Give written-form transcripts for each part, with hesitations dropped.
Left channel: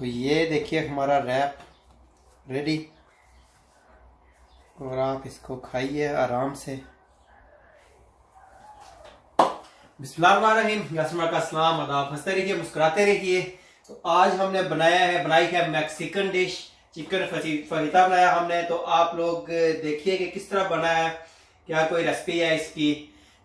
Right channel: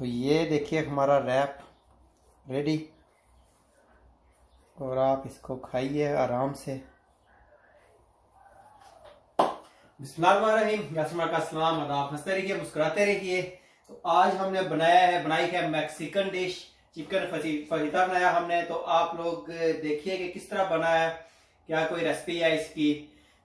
तो ये देखिए हमारा रैप रेडी, और आप इसको खाइए आराम से। बिस्मिल्लाहिर्रहमानिर्रहीम, का सलाम, आदाब, हंसते रहिए मुस्कुराते रहिए। तो आज हमने बनाई है मैक्सिकन डिश, चिकन फजीता बनाया हमने। तो आप लोग देखिए कि किस तरह बना है, क्या कोई रेसिपी है इसकी।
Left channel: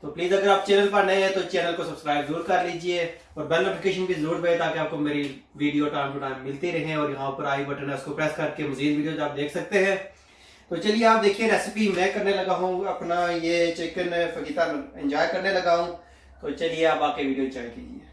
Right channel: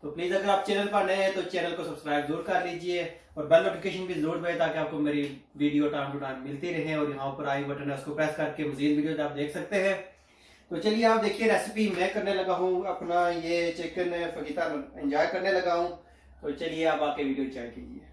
तो प्लीज़ अगर आप चैनल पर नए हैं तो चैनल को सब्सक्राइब जरूर कर लीजिए और बेल नोटिफिकेशन भी जरूर दबाएं ताकि आपको मेरी वीडियो टाइम टू टाइम मिलती रहे। और यहाँ पर आई बटन है, उसको प्रेस करके मजीद वीडियोज आप देख सकते हैं। तो चलिए आप देखिए रेसिपी मैं करने लगा हूँ, अपना ये चिकन फजीता एंजॉय करने लगा हूँ। तो चलिए आप आके वीडियो एंजॉय कीजिए।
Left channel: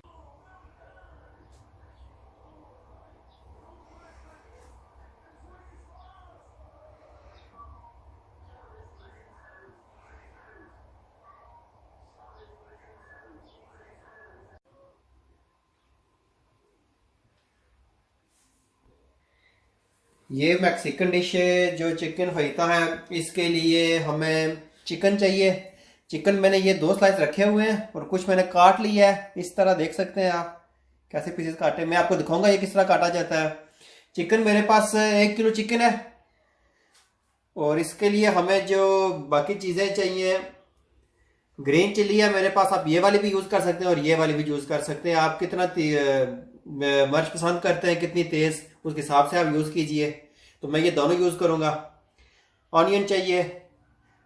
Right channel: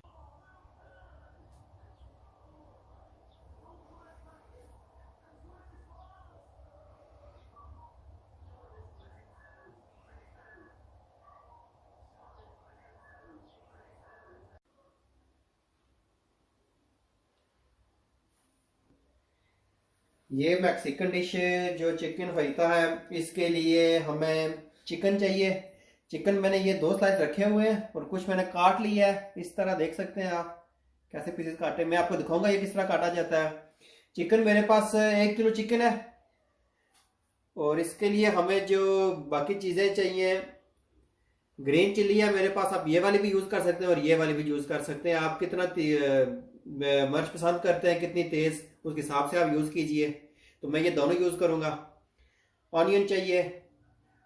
ये मैक्सिकन डिश है जो चिकन फजीता है, इसके लिए हमें चिकन चाहिए। चिकन मैंने ये 2 स्लाइस रखे हुए हैं और कुछ मैंने काट लिया है। इस तरह देख सकते हैं आप कैसे पीसेस काटे, मैं आपको दिखाऊंगा ये किस तरह काटा जाता है। चिकन मेरे पास 1 किलो चिकन है और इसके लिए हमें जो बाकी चीज़ें चाहिए, ग्रीन चिल्ली है मेरे पास, आप ये वाली भी यूज़ कर सकते हैं और ये वाली भी यूज़ कर सकते हैं। आप कितना मिर्च पसंद करते हैं, कितनी तेज़, उसके हिसाब से आप यूज़ कीजिए। तो मैं ये दोनों यूज़ करूँगा। ऑनियन चाहिए,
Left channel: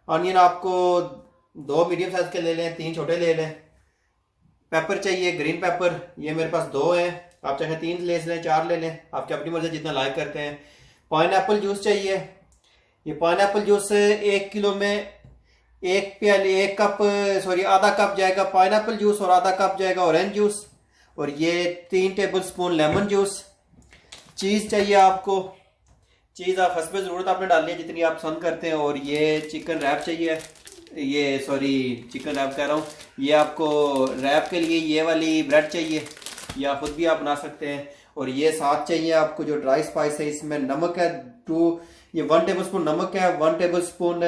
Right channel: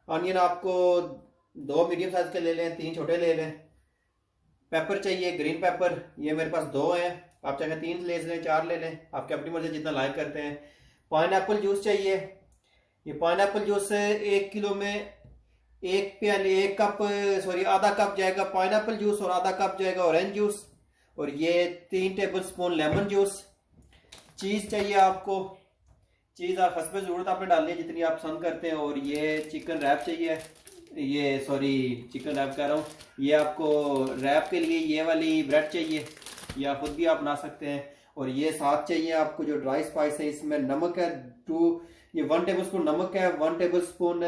ऑनियन आपको 2 मीडियम साइज़ के ले लें, 3 छोटे ले लें। पेपर चाहिए, ग्रीन पेपर, ये मेरे पास 2 हैं, आप चाहे 3 ले लें, 4 ले लें, आपकी अपनी मर्ज़ी जितना लाइक करते हैं। पाइनएप्पल जूस चाहिए, ये पाइनएप्पल जूस 1 किलो में आधा कप जाएगा पाइनएप्पल जूस और आधा कप जाएगा ऑरेंज जूस, और ये 3 टेबल स्पून लेमन जूस। चीज़ चाहिए आपको, चीज़ आप हस्बे ज़रूरत आपने डालनी है जितनी आप पसंद करते हैं। और ये चिकन रैप चाहिए, चिकन रैप कह रहा हूँ, ये आपको रैप के लिए ये वाली ब्रेड चाहिए, या खुद भी आप बना सकते हैं। और ये साथ चाहिए आपको जो ड्राई स्पाइस है, इसमें नमक है 1 टेबल स्पून नमक है, 1 टेबल स्पून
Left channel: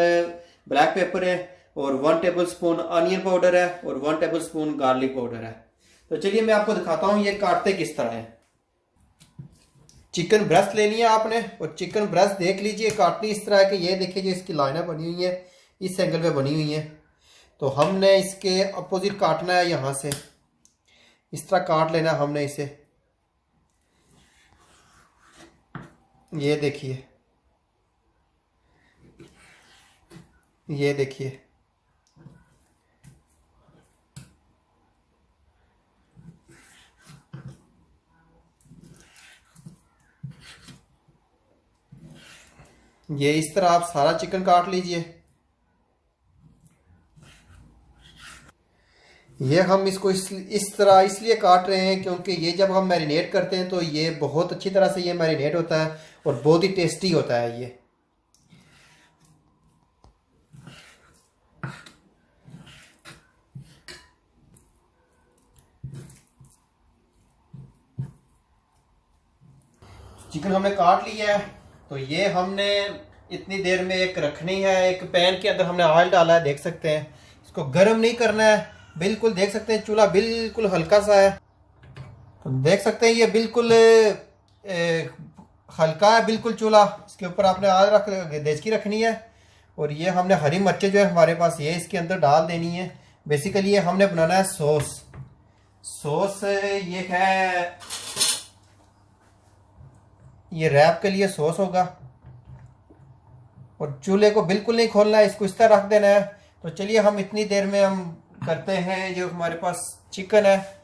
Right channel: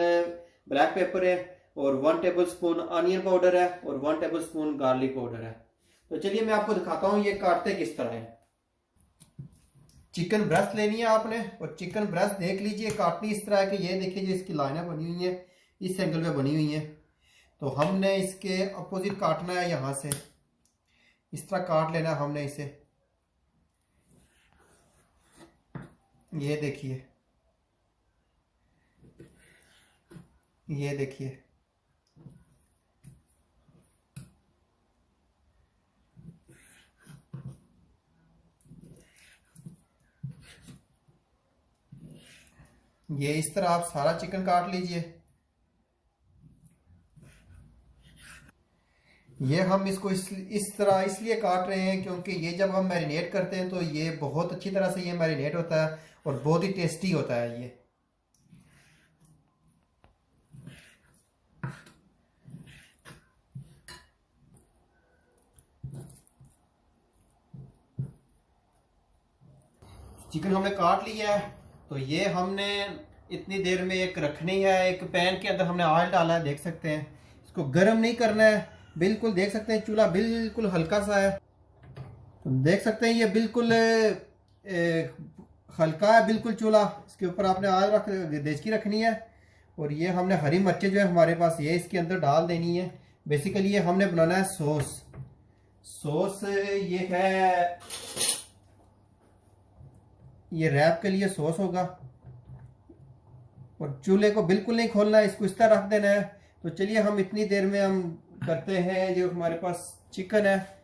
ब्लैक पेपर है, और 1 टेबल स्पून अनियन पाउडर है, और 1 टेबल स्पून गार्लिक पाउडर है। तो चलिए मैं आपको दिखाता हूँ ये काटते किस तरह है। चिकन ब्रेस्ट ले लिया आपने, और चिकन ब्रेस्ट देख लीजिए काटनी इस तरह है कि ये देखिए जो इसकी लाइनें बनी हुई है इस एंगल पे बनी हुई है। तो हमने इसके अपोजिट काटना है, यहाँ से इस तरह काट लेना हमने इसे। ये देखिए, ये देखिए, ये इस तरह आप सारा चिकन काट लीजिए। ये हम इसको इस तरह इसलिए काट रहे हैं क्योंकि ये जब हम मैरिनेट करते हैं तो ये बहुत अच्छी तरह से ये मैरिनेट होता है और बहुत ही टेस्टी होता है ये। चिकन हमने काट लिया है, तो ये हमने इतनी देर में एक रखनी है। एक पैन के अंदर हमने ऑयल डाला है, देख सकते हैं। इसको गर्म नहीं करना है, बिल्कुल देख सकते हैं चूल्हा बिल्कुल हल्का सा है। तो देख सकते हैं ये बिल्कुल हल्का है बिल्कुल चूल्हा। इसके ऊपर आपने आग रख देचकी रखनी है, और ये हमने हरी मिर्चें जो है हमारे पास ये इसके अंदर डाल देनी है। बेसिकली ये हमने बनाना है सॉस ये है, ये रैप के लिए सॉस होगा। और चूल्हे को बिल्कुल नहीं खोलना है, इसको इस तरह रख देना है। तो चलिए हम इतनी देर में हम करते हैं, जो हमारे पास चिकन है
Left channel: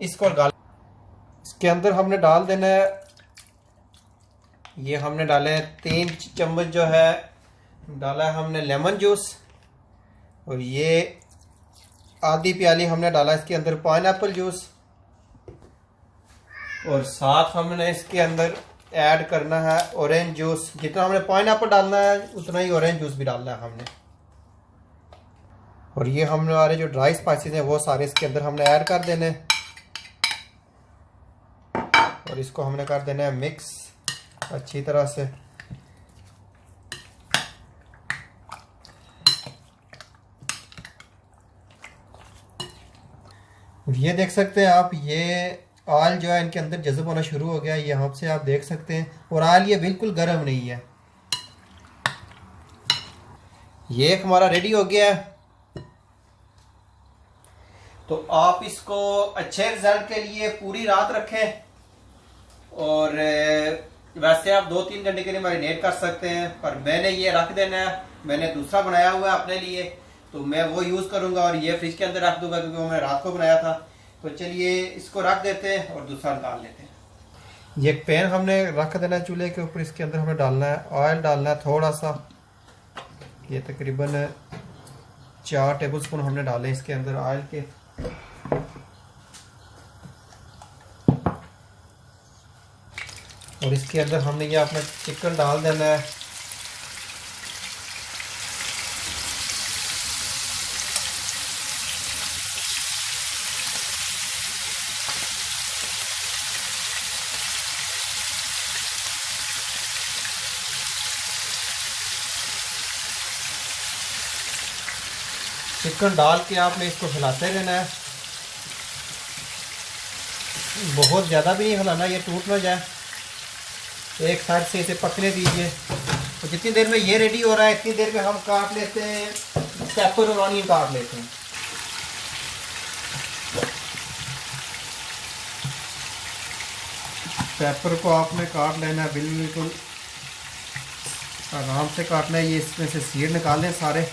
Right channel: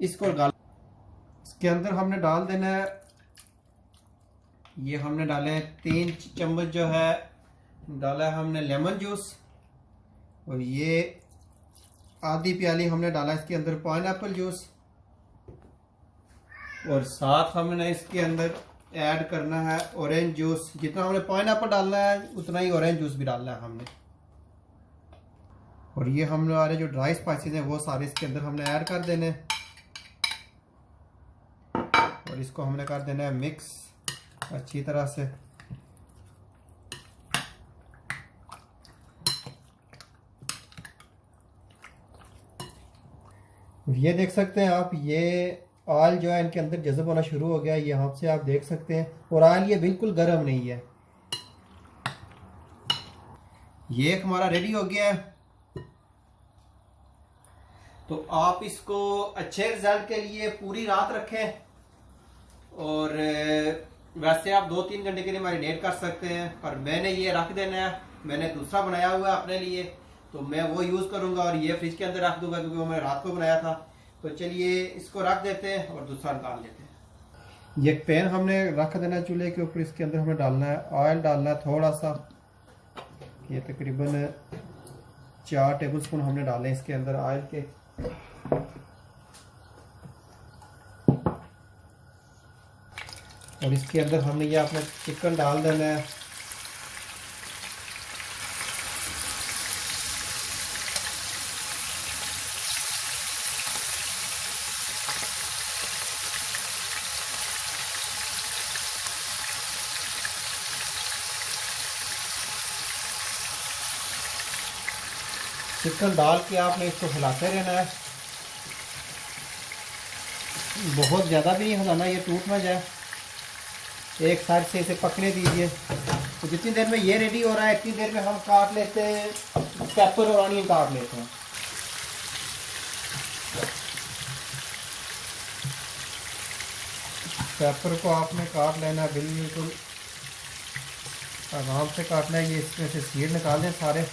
इसको इसके अंदर हमने डाल देना है। ये हमने डाले 3 चम्मच जो है डाला है हमने लेमन जूस, और ये आधी प्याली हमने डाला इसके अंदर पाइनएप्पल जूस, और साथ हमने इसके अंदर ऐड करना है ऑरेंज जूस। जितना हमने पाइनएप्पल डालना है उतना ही ऑरेंज जूस भी डालना है हमने। और ये हमने हमारे जो ड्राई स्पाइसेस हैं वो सारे इसके अंदर हमने ऐड कर देने, और इसको हमने कर देना है मिक्स अच्छी तरह से। और ये देख सकते हैं आप, ये ऑयल जो है इनके अंदर जज़ब होना शुरू हो गया, यहाँ से आप देख सकते हैं। और ऑयल ये बिल्कुल गर्म नहीं है। ये एक हमारा रेडी हो गया है। तो आप इसको अच्छे रिजल्ट के लिए पूरी रात रखें, और वैसे आप 2-3 घंटे के लिए मैरिनेट कर सकते हैं, पर मैंने ये रख देना है। मैंने दूसरा बनाया हुआ है अपने लिए, तो मैं वो यूज़ करूंगा और ये फ्रिज के अंदर रख दूंगा, क्योंकि वो मैंने रात को बनाया था। तो चलिए इसको रख देते हैं और दूसरा निकाल लेते हैं। ये पैन हमने रख देना है चूल्हे के ऊपर। इसके अंदर हमें डालना है ऑयल, डालना है थोड़ा सा, ये तकरीबन 4 टेबल स्पून हमने डाले इसके अंदर ऑयल के। और इसके अंदर हमने ये अपना चिकन डाल देना है। चिकन डाल के आपने इसको हिलाते रहना है, बहुत ज़्यादा भी नहीं हिलाना, ये टूट ना जाए। एक साइड से इसे पकने दीजिए। तो जितनी देर में ये रेडी हो रहा है, इतनी देर में हम काट लेते हैं पेपर और ऑनियन काट लेते हैं। पेपर को आपने काट लेना है, बिल्कुल आराम से काटना है। ये इसमें से सीड निकाल दें सारे।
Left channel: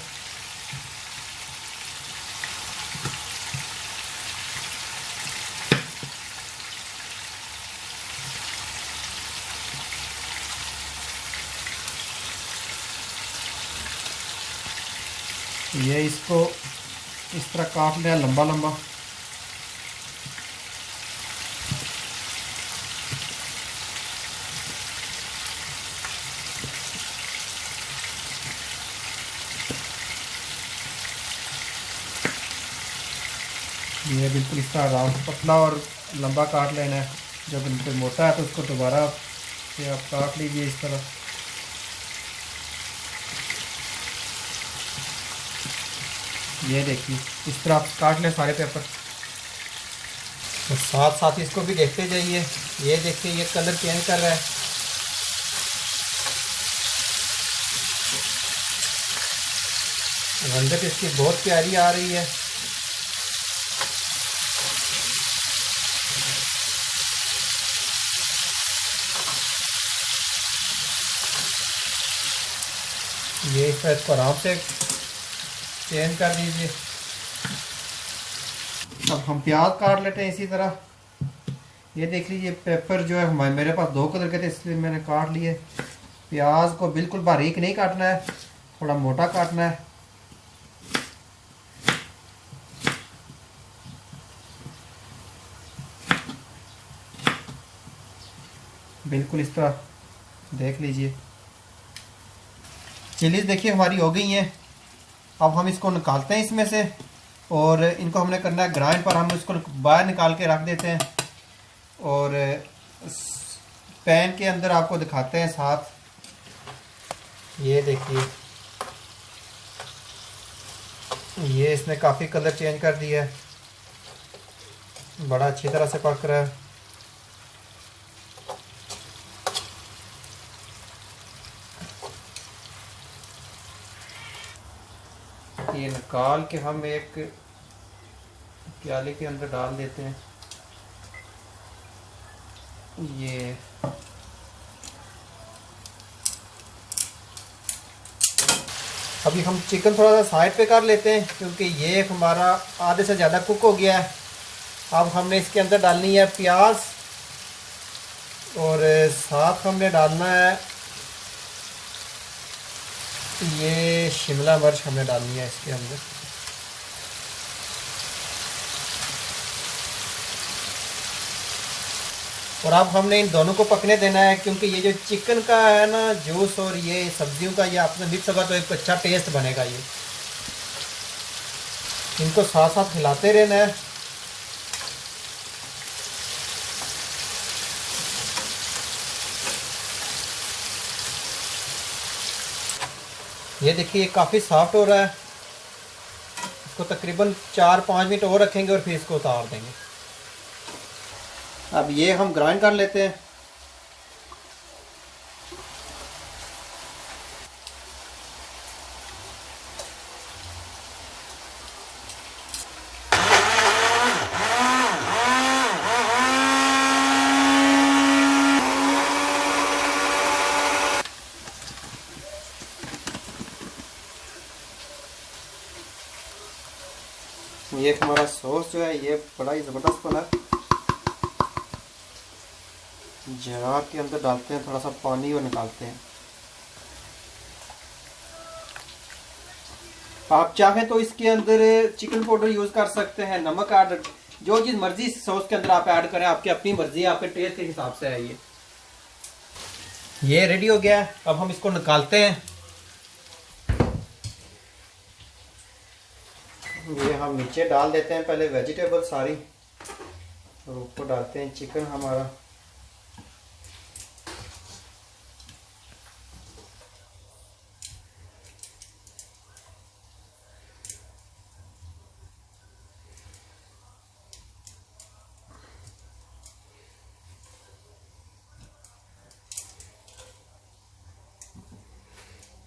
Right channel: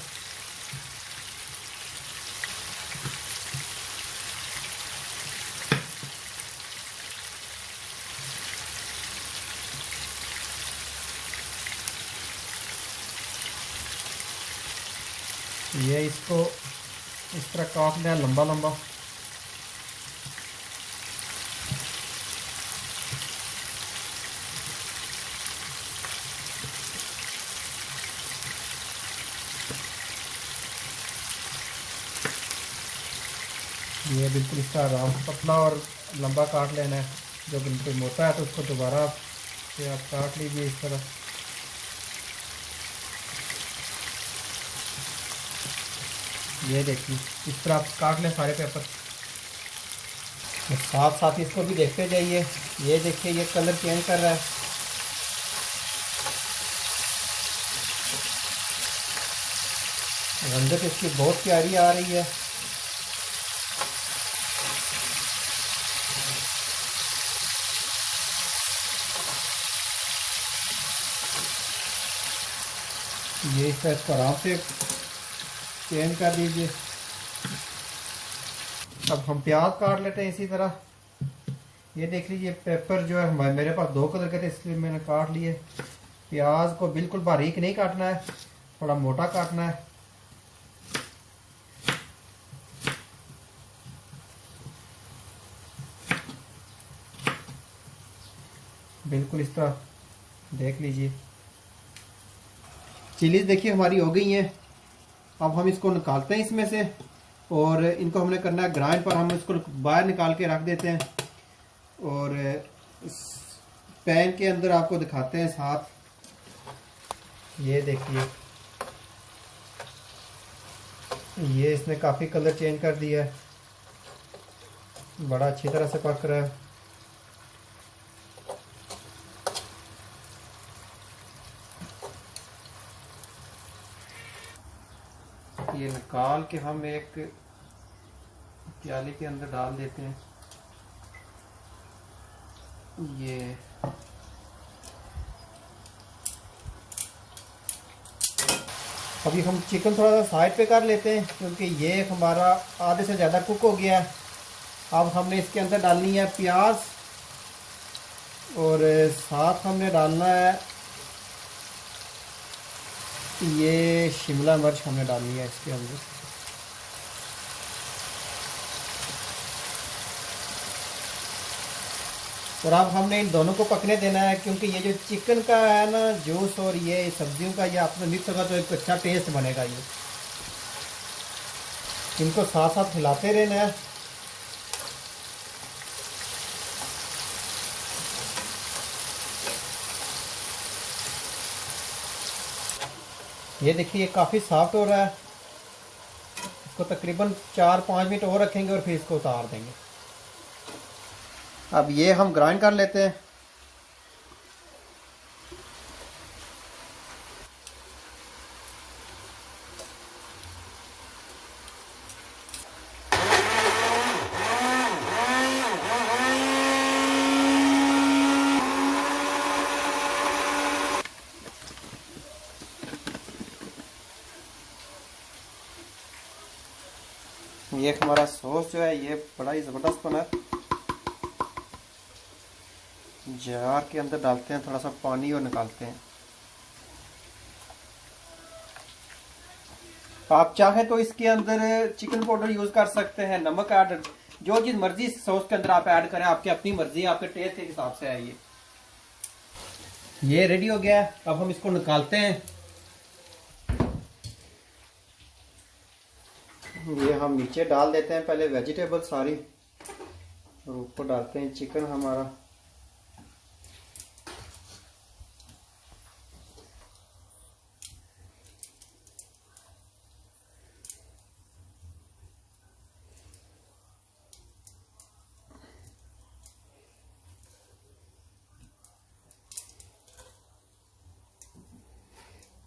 ये इसको इस तरह काट लिया लंबा लंबा। ये बिल्कुल इस तरह आराम से पतला और लंबा काट लेना है। जब बिल्कुल मोटा है तो उसको दोबारा से आप काट लीजिए इस तरह। ये देखिए इस तरह आप काट लें सारे पेपर। तो साथ साथ इसको भी देखते जाइए। ये देखिए ये कलर चेंज कर रहा है। रंगत इसकी बहुत प्यारी आ रही है। ये इस तरह आराम से चेंज कर दीजिए। अब हम प्याज काट लेते हैं इसी तरह। ये देख लीजिए पेपर जो है हमारे मेरे पास 2 कलर के थे, इसलिए मैंने काट लिए। प्याज को बिल्कुल बारीक नहीं काटना है, थोड़ा मोटा काटना है। बिल्कुल इस तरह देख लीजिए। चिलीज देखिए हमारी हो गई हैं। अब हम इसको निकालते हैं इसमें से, और इनको हमने करना है ग्राइंड पर। हम इसको बाहर निकाल के रख देते हैं और पैन के अंदर आपको दिखाते हैं साथ। ये देखिए ये इसने काफ़ी कलर चेंज कर दिया है, बड़ा अच्छी तरह से पक रहा है। ये निकाल के हम एक प्याले के अंदर डाल देते हैं। ये अभी हम चिकन थोड़ा सा साइड पे कर लेते हैं, क्योंकि ये हमारा आधे से ज़्यादा कुक हो गया है। अब हमने इसके अंदर डालनी है प्याज, और साथ हमने डालना है ये शिमला मिर्च हमें डालनी है इसके अंदर। और अब हमने इन दोनों को पकने देना है, क्योंकि ये जो चिकन का है ना जूस और ये सब्जियों का ये आपने मिक्स होगा तो एक अच्छा टेस्ट बनेगा। ये इनको साथ साथ हिलाते रहना है। ये देखिए ये काफ़ी सॉफ्ट हो रहा है। इसको तकरीबन 4-5 मिनट और रखेंगे और फिर इसको उतार देंगे। अब ये हम ग्राइंड कर लेते हैं। ये हमारा सॉस जो है ये बड़ा ही ज़बरदस्त बना है। जार के अंदर डालते हैं थोड़ा सा पानी और निकालते हैं। आप चाहें तो इसके अंदर चिकन पाउडर यूज़ कर सकते हैं, नमक ऐड, जो चीज़ मर्जी सॉस के अंदर आप ऐड करें, आपकी अपनी मर्जी है, आपके टेस्ट के हिसाब से है। ये रेडी हो गया है। अब हम इसको निकालते हैं। ये हम नीचे डाल देते हैं पहले वेजिटेबल सारी, और ऊपर डालते हैं चिकन हमारा।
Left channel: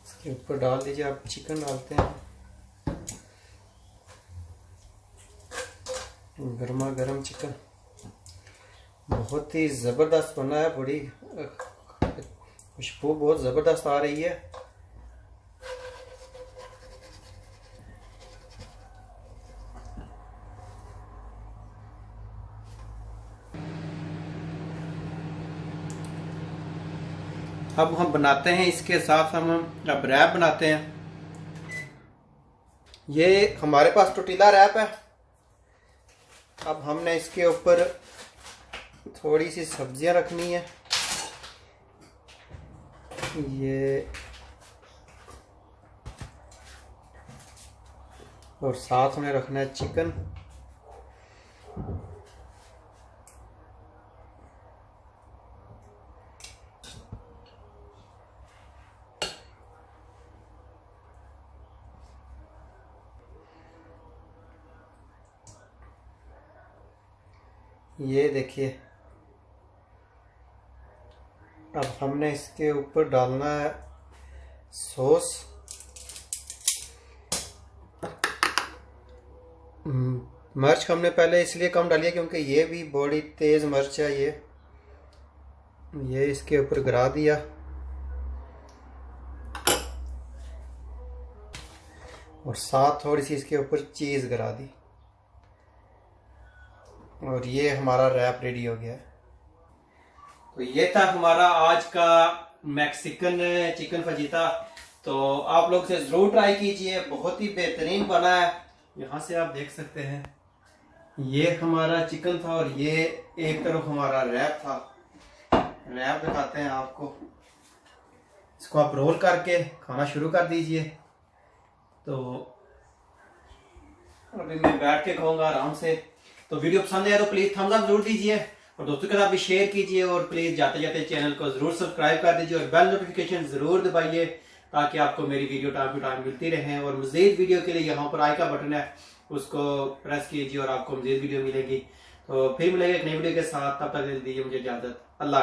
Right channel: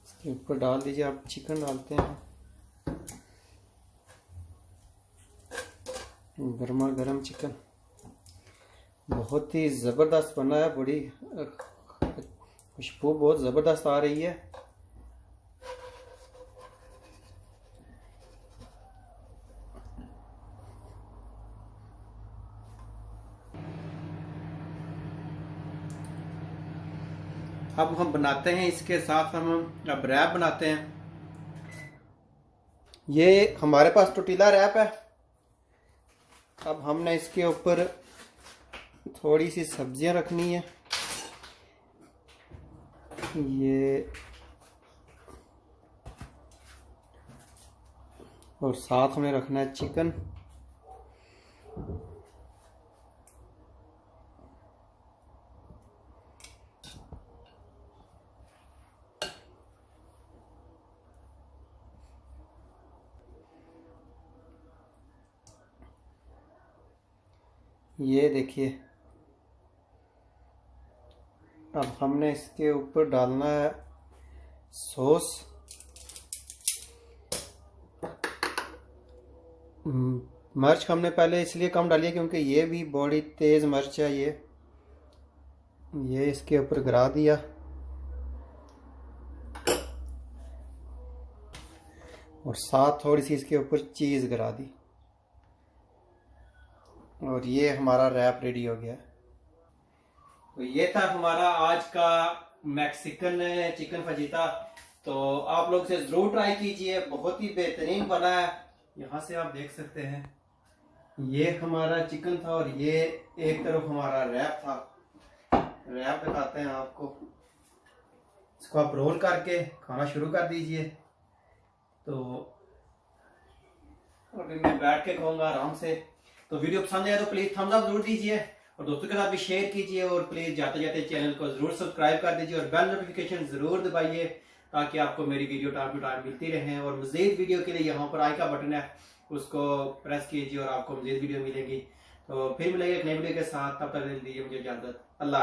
इसके ऊपर डाल दीजिए। आप चिकन डालते हैं, गर्मा गर्म चिकन बहुत ही ज़बरदस्त बना है। बड़ी खुशबू बहुत ज़बरदस्त आ रही है। अब हम बनाते हैं इसके साथ हम अब रैप बनाते हैं। ये हमारे पास टोर्टिला रैप है। अब हमने इसके ऊपर थोड़ी सी सब्जियां रखनी है। ये और साथ में रखना है चिकन। ये देखिए, अब हमने इसके ऊपर डालना है सॉस। मिर्च हमने पहले इसलिए कम डाली है क्योंकि ये भी बड़ी तेज़ मिर्च है। ये इसके ऊपर गिरा दिया। और साथ थोड़ी सी इसके ऊपर चीज़ गिरा दी। और ये हमारा रैप रेडी हो गया। तो ये था हमारा आज का मैक्सिकन चिकन फजीता। तो आप लोग से ज़रूर ट्राई कीजिए, बहुत ही बेहतरीन बना है। यहाँ से आप देख सकते हैं, ये हमारा चिकन था और ये एक तरफ हमारा रैप था। रैप दिखाते हैं आपको। इसको आप रोल करके खाना शुरू कर दीजिए। तो अभी मैं बैठ के खाऊंगा आराम से। तो वीडियो पसंद आया तो प्लीज़ थम्स अप जरूर दीजिए, और दोस्तों के साथ भी शेयर कीजिए, और प्लीज़ जाते जाते चैनल को ज़रूर सब्सक्राइब कर दीजिए और बेल नोटिफिकेशन ज़रूर दबाइए, ताकि आपको मेरी वीडियो टाइम टू टाइम मिलती रहे। और मज़ीद वीडियो के लिए यहाँ पर आई का बटन है, उसको प्रेस कीजिए और आपको मज़ीद वीडियो मिलेगी। तो फिर मिलेंगे एक नई वीडियो के साथ। तब तक दीजिए मुझे इजाज़त। अल्लाह।